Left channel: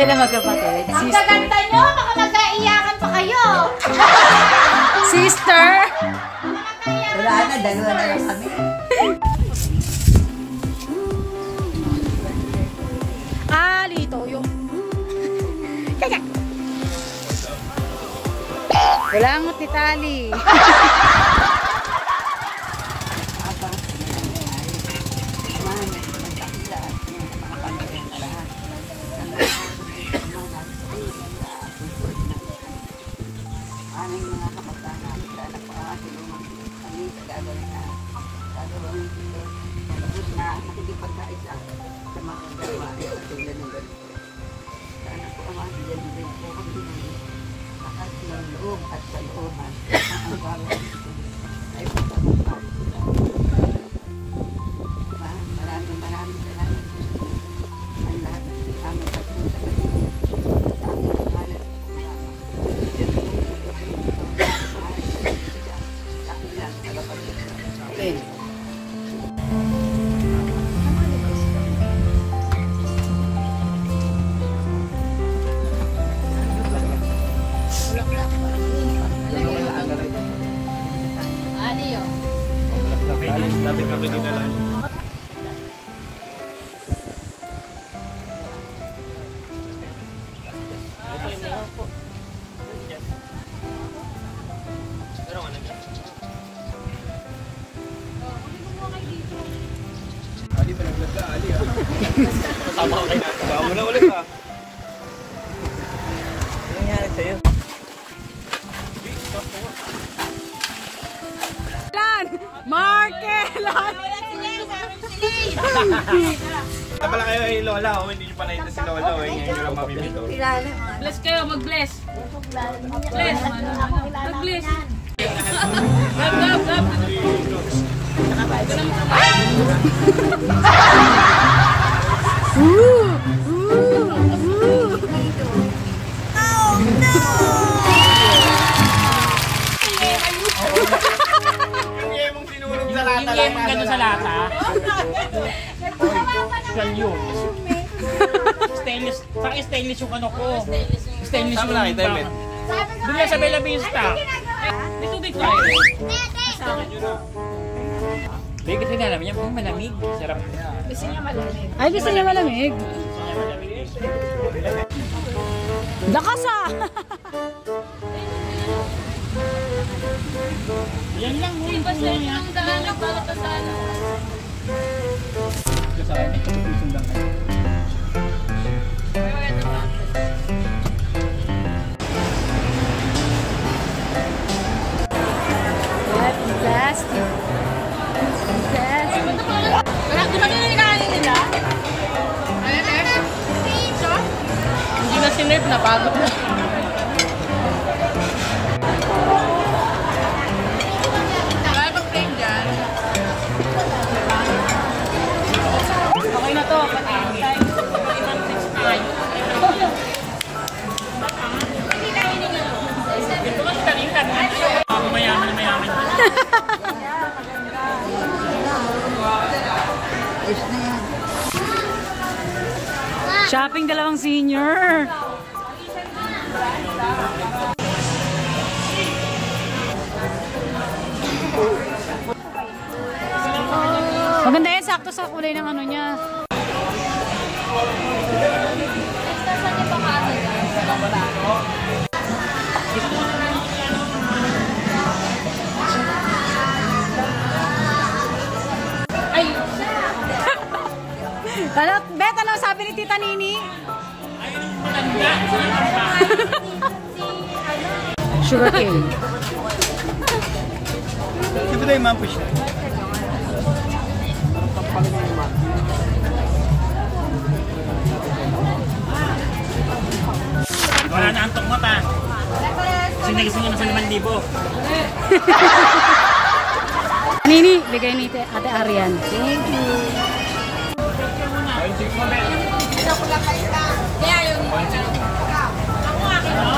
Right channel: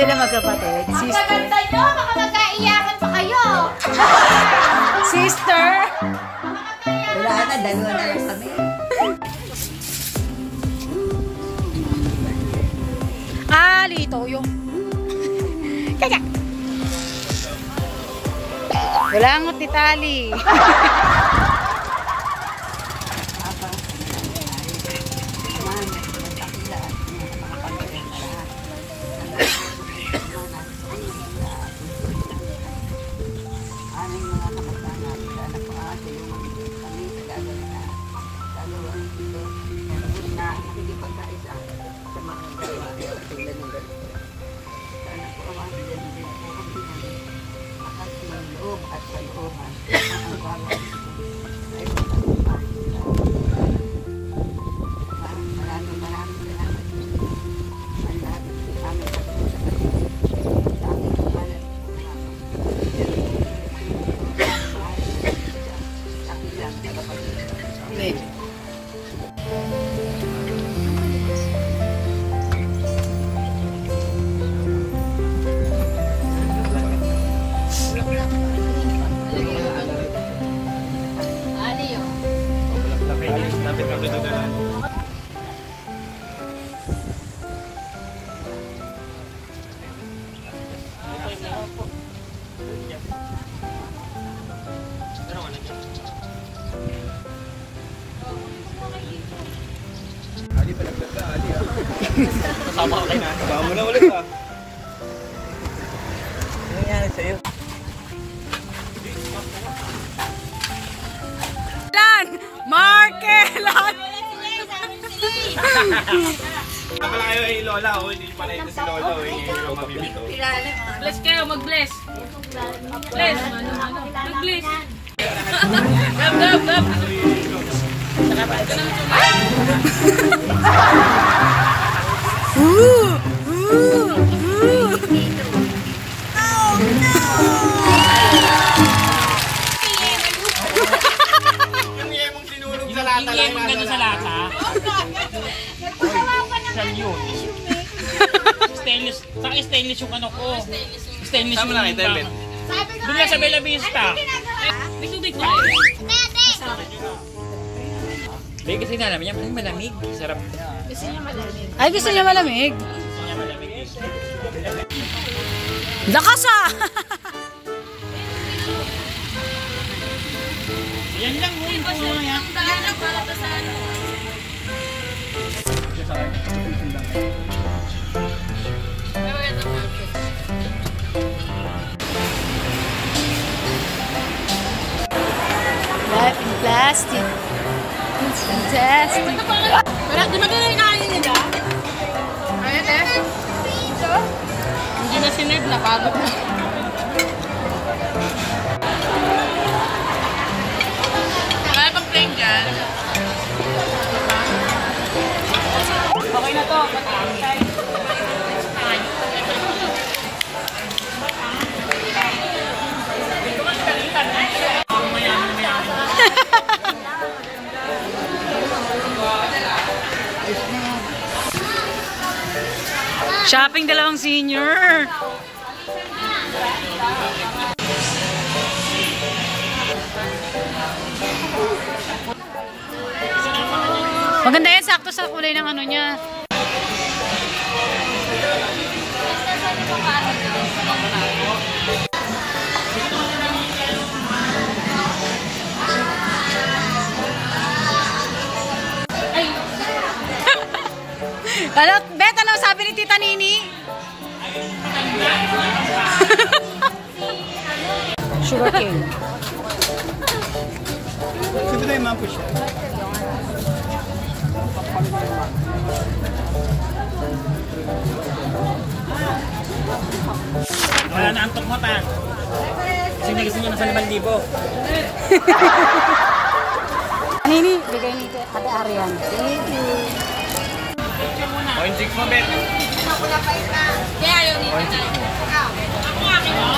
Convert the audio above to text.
sila magkapatid. Ang gaganda nyo, baka magkaiyakan pa kayo. Sister! Wala na, dalawa na lang kami. Lito yung... Kaya! Walangot ni Tali. At sa looban, ang bawat ay pagkakumpay sila. Maraming salamat ang lahat ng aming pagkakumpay sa pagkakumpay sa aming pangalan. Sa ilang tagapagkakumpay. Ali, palaglag ka, Ali. Kasama ko kayo na. Baka mo na ulit ha. Ano nangyari sa'yo? Lan! Markelan! Ito pala kayo ay Lola, hindi pala ito si Lolo. Ngayon lang mamimito. Bless kayo, mag-bless. Bless. Mag-bless. Gab, gab, gab. Oh no! Yung yemong sinurog sa lata. Yung yemong gano'n sa lata. Siya yun. Stainless. Saka stainless yung ano ko. Stainless yung baka. Doon lang sa Bella Vista. May tubig na. Hindi kasi nga namin yan. Malamig. Sarap. Ay, gusto niya malamig. Lakas ah! Yan lang. Yan pa siya. Ang daan lang para pa sa ano. Life in plastic. It's fantastic. Wala, di ba nilikain nila? Hindi na si Ned, napagod na. Kaya bang plane dyan? Okay na to. Ito mas kalitan. Mayaman na mayaman. Shopping dalawang senior. Maganda yan, sakto sa kulay ng ano niya. Ano, Bet, ano sabi ni Tita Nini? Sugar cane. Siyempre na yung mampo siya. Wala na antok mo ta. Sinigising nyo na sa 5,000. Nini, bigay ni Ate Arian. Thank you. Pointing mo, Ben. Kaya yun dito. Ako akin, no?